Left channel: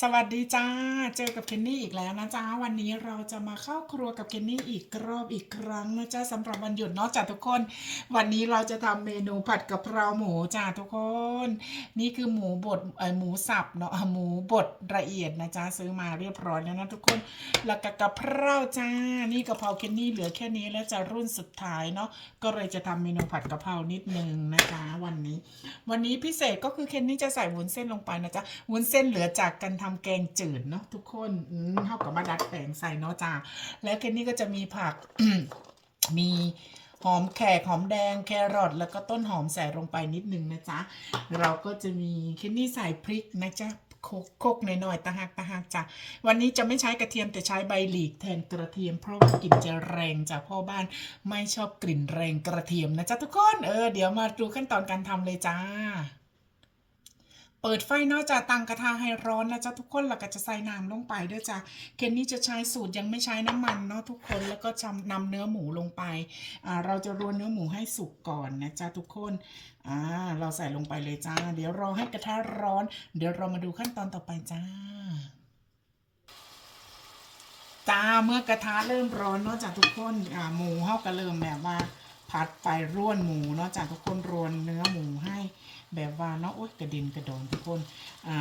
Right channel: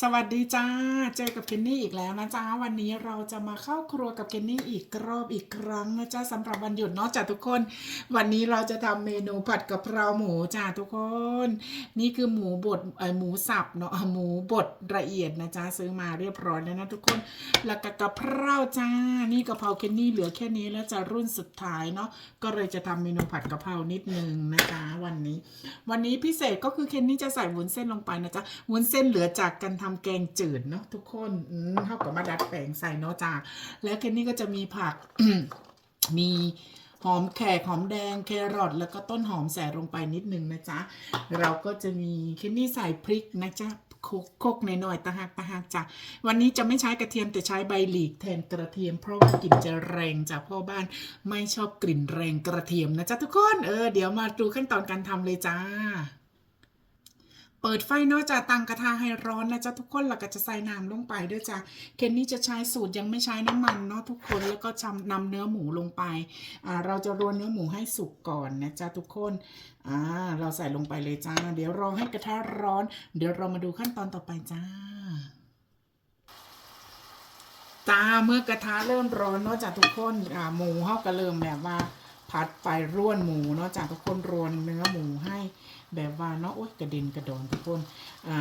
สวัสดีจ้า เจอกับเคนนี่อีกแล้วนะจ้าวันนี้เราจะมาเข้าครัวกับเคนนี่อีกรอบอีกครั้งนะจ้าสำหรับวันหยุดเนาะจ้าทุกคน วันนี้เราจะทำเมนูผัดกะเพราหมูจ้าทุกคน นี่คือหมูบดเอ่อหมูสับเนาะหมูบดละเอียดนะจ้าซื้อมาเรียบร้อยแล้วนะทุกคน แล้วก็กะเพราจ้า นี่กะเพราเคนนี่เหลือแค่นี้แล้วจะรุ่นสุดท้ายเนาะก็เลยจะทำเมนูผัดกะเพรานิดนึงนะจ๊ะวันนี้ วันนี้พิเศษก็คือเคนนี่จะใส่วุ้นเส้นลงไปนะจ๊ะวุ้นเส้นเหลือจากการทำแกงจืดเนาะทุกคนอืมเท่ากับมาดัดแปลงใส่เนาะจ้าแล้วเคนนี่ก็จะมีผัก มีหอมแขกหอมแดงแครอทแล้วก็ต้นหอมใส่ลงไปนิดนึงนะจ๊ะ เราก็จะมีเคนนี่ใส่พริกนะจ๊ะโคกโคกหน่อยๆตะหักตะหักจ้ะวันนี้จะไม่ใช้กระเทียมแต่ใช้ใบหลีกแทนกระเทียมเพราะว่ากลิ่นจะแรงจากพ่อบ้านไม่ชอบกลิ่นแรงกระเทียมนะจ๊ะทุกคนเออเดี๋ยวมาดูขั้นตอนการทำเลยจ้า ปิดไฟนอกจากตั้งกระทะให้ร้อนนะจ๊ะทุกคนแล้วก็จะใส่น้ำลงไปด้วยจ้ะเคนนี่จะใช้สูตรยังไม่ใช้น้ำมันเนาะทุกคนแล้วก็จำนำเนื้อหมูลงไปอ่าเราจะรวนเนื้อหมูให้สุกก่อนนะจ๊ะทุกคนอ่าเราใส่ลงไปเลยจ้า เดี๋ยวรอให้กระทะร้อน เดี๋ยวเรามาดูขั้นตอนต่อไปจ้าจ้าเมื่อกระทะเริ่มร้อนเนาะจากทุกคนอ่าหมูเฮาก็เริ่มแบบว่า ผัดไฟร่วนหมูเนาะจากทุกคนรวนเนื้อหมูให้ แบบว่าเนาะโอ๊ยกระเด็นกระดอนทุกคนอ่า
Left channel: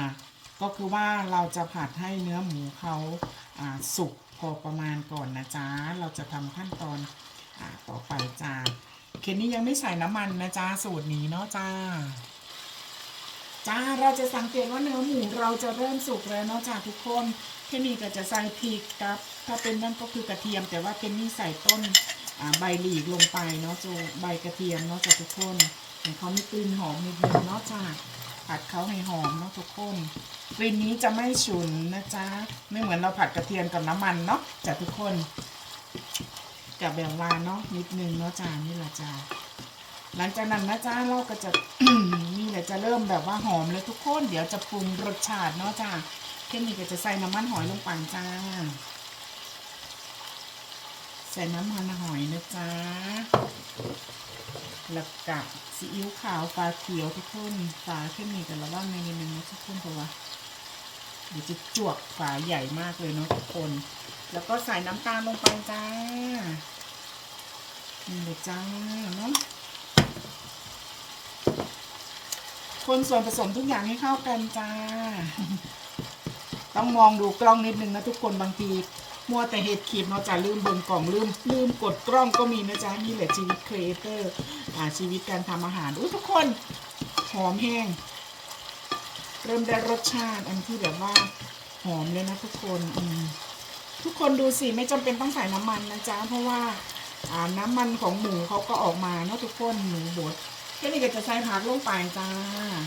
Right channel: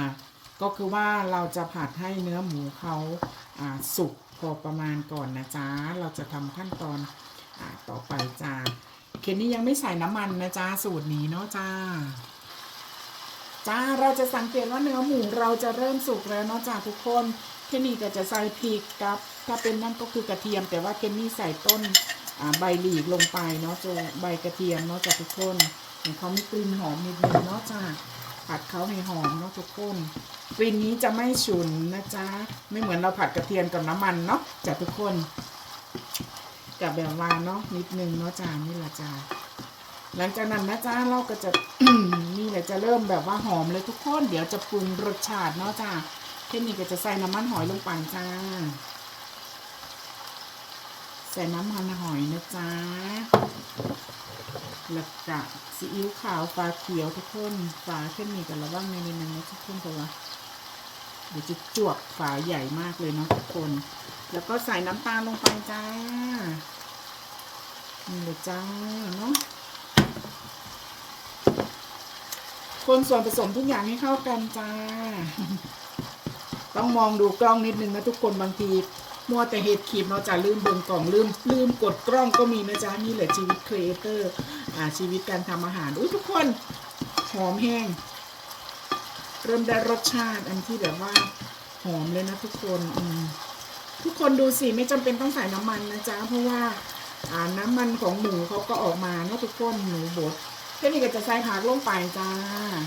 ก็คือว่าเราจะผัดให้เนื้อหมูเขาอ่าสุกพอประมาณก่อนนะจ๊ะเราจะทำขั้นตอนอ่าต่อไปจ้าเคนนี่ยังไม่ใส่น้ำมันนะจ๊ะสูตรนี้เนาะจ้าจ้าเราจะสังเกตว่าเนื้อหมูเราจะเริ่มสุกแล้วเนาะจ้าทุกคนเคนนี่ก็จะใส่พริกครับถ้าเป็นนั่นก็คือกระเทียม แต่ว่าเคนนี่ใส่ต้นอ่าใบหลีกลงไปเนาะจะใบกระเทียมเนาะจ้าทุกคน เขามีกลิ่นหอมนิดนึงเนาะจ้าผัดเขาให้หอมเนาะทุกคนกลิ่นนี้จะไม่ฉุนนะจ๊ะไม่เหมือนเราผัดกระเทียมกับน้ำมันเนาะจ้าทุกคนกับแบบว่าเนาะนิดนึงเนาะจ้านี่แหละจ้าหลังจากนั้นนะจ้าเราก็จะนี่แหละจะเริ่มแบบว่าหอมเลยทุกคน เดี๋ยวจะปรุงรสชาติเนาะจ้าเทคนิคก็จะใส่น้ำมันหอยลงไปจ้าใส่น้ำมันหอยนะจ้า แล้วก็ซีอิ๊วขาวฟ้าเขียวทุกคนฝาเทคนิคกันระว่างในนี้นะทุกคนตัวเดี๋ยวจะจวกฝาใหญ่มากเลยเนาะทุกคน แล้วก็ใส่น้ำตาลลงไปจ้านี่เลยจ้าเนาะคนส่วนผสมทุกอย่างให้เข้ากันจ้า ต้องมองดูกล้องนิดนึงนะทุกคนบางที มัวแต่เห็ดขีดเนาะจะลืมเบิ่งกล่องลืมลืมกดกล้องก็มีนะจ๊ะนี่แหละชีวิตครีเอเตอร์อ่าชีวิตการทำอาหารอุ้ทุกคนหอมแห้ง เริ่มได้รสชาติอันที่แบบว่าหอมเลยนะทุกคนอืมทุกคนดูสิไม่จำเป็นต้องใส่น้ำมันนะจ๊ะเพราะว่าอ่าน้ำมันของหมูเขาก็ออกมาเนาะทุกคนหมูบดแค่นี้ก็จะใส่ผักลงไปจ้า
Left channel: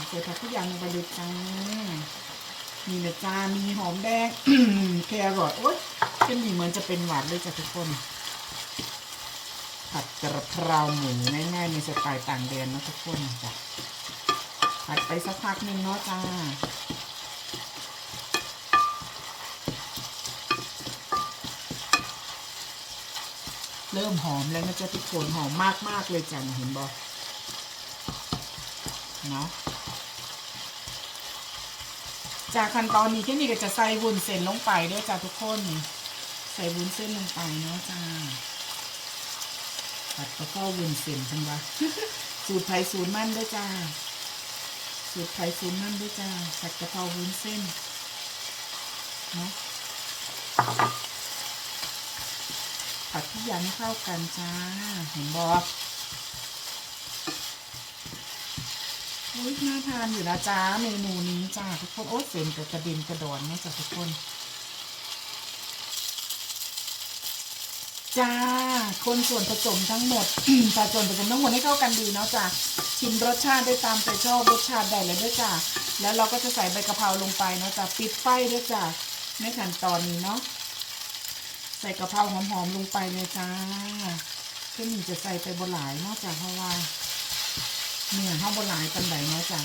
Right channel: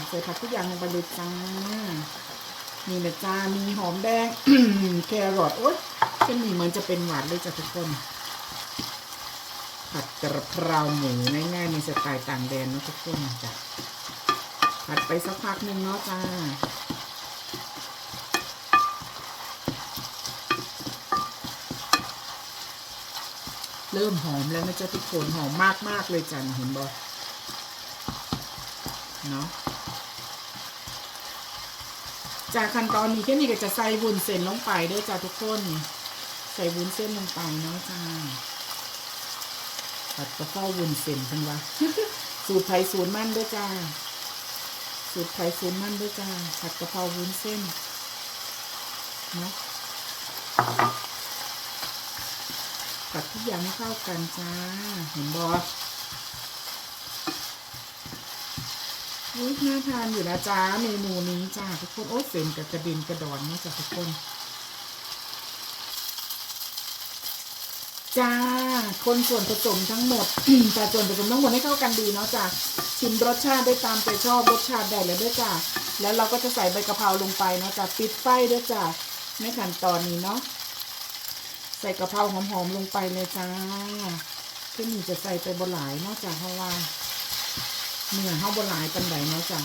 ใส่ผักทุกอย่างลงไปเลยจ้านี่เลยจ้ามีหอมแดงแครอทโอ๊ย เช่นนี้เหมือนจะเป็นหวานเลยจ้ะทุกคนผัดกระเพราหมูง่ายๆในสไตล์ต่างแดนนะทุกคนจ้ะผัดไปสักพักหนึ่งเนาะจ้าเริ่มหอมแล้วนะจ๊ะทุกคนหอมมากๆเลยจ้ะเห็นบ่เนาะจากขั้นตอนนี้แค่นี้ก็จะใส่วุ้นเส้นลงไปด้วยจ้าทุกคน ส่วุ้นเส้นลงไปเนาะจ้าตัดกระเพราวุ้นเส้นทั้งวันสูตรไทยสูตรมั่นด้วยจ้า สูตรไทยสูตรมั่นด้วยจ้าผัดกระเพราวุ้นเส้นเนาะผัดทุกอย่างให้เข้ากันจ้า เห็นบออุ้ยน่าทานอยู่นะจ้าเมนูนี้จ้าทุกคน โอ้เส้นกับกระเด็นกระดอนเนี่ยจ้าทุกคน จ้า คนส่วนผสมทั้งหมด แต่ส่วนผสมทั้งหมดให้เข้ากันดีเนาะจ้าชิมรสชาติได้ตามใจชอบรสชาติได้เลยด้วยจ้าแล้วเราก็จะใส่ใบกะเพราลงไปเนาะจ้าปิดไฟด้วยจ้าในขั้นตอนนี้เนาะใส่กะเพราหอมๆลงไปเลยจ้าก็มีจะใส่ไปบนหลายนอกจากเพราะว่าเนื้อห้าบนหลายปันไดเนาะจ้ะ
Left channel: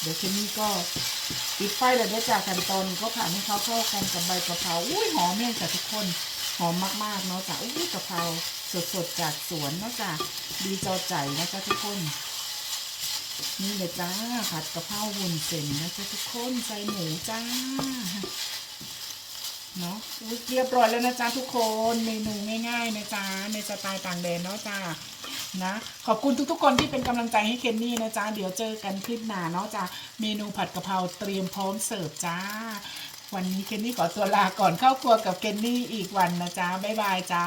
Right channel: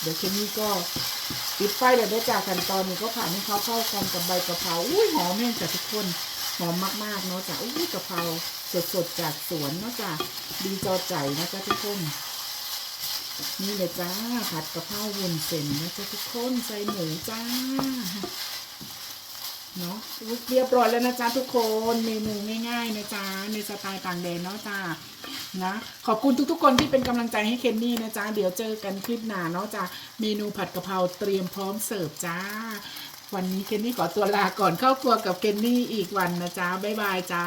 เดี๋ยวทีนี้ก็ปิดไฟเลยด้อจ้ะขั้นตอนนี้ก็ผ่านให้เขาเข้ากันกับใบกะเพราอุ้ยหอมแม่งจ้ะทุกคน หอมมากๆเนาะจ้ะอุ้ยกะเพราสดๆจากสวนเนาะจ้ะดีจอใจนะจ้ะทุกคนนี่เลยจ้าผัดกะเพราวุ้นเส้นนะจ๊ะทุกคนใส่หมูจ้าเนาะเรียบร้อยแล้วนะจ๊ะทุกคนเมนูง่ายๆนะจ๊ะในสไตล์ต่างแดนเนาะจ้านะขอบคุณทุกๆคนที่เป็นกำลังใจให้เคนนี่นะจ๊ะเดี๋ยวเจอกันคลิปหน้าเนาะจ้าเมนูผัดกะเพราเตรียมพร้อมเสิร์ฟจ้า วันนี้เคนนี่ขอตัวลาก่อนเข้าครัวกับเคนนี่อีกวันนะจ๊ะบ๊ายบายจ้า